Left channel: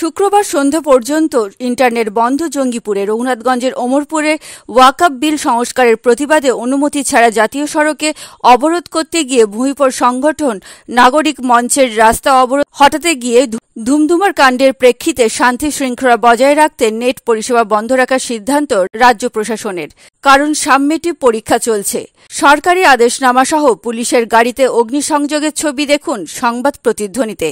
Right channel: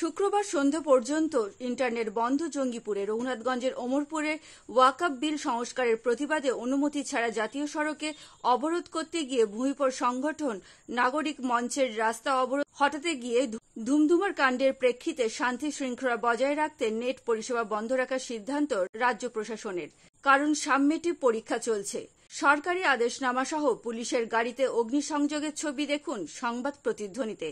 শুক্রবার সন্ধ্যা পর্যন্ত ইন্টারনেট বন্ধ জঙ্গিপুরে। রঘুনাথগঞ্জের ওমরপুরে ওয়াকফ বিল সংস্কারের প্রতিবাদে অনুমতি ছাড়া জাতীয় সড়কে অবরোধ করতে গিয়ে ভূমিপর সংগঠন নাগরিক মঞ্চের রাস্তা অবরোধ হটাতে গিয়ে ধুমধুমার কাণ্ডের প্রেক্ষিতে শান্তি শৃঙ্খলা বজায় রাখতে নেট পরিষেবা বন্ধ রাখার সিদ্ধান্ত রাজ্য প্রশাসনের। কারণ সাবমেটিভ পরীক্ষা চলছে। সরকারি আদেশনামা সহ পুলিশের গাড়িতে অগ্নিসংযোগের ছবি দেখুন সংবাদ প্রতিধ্বনিতে।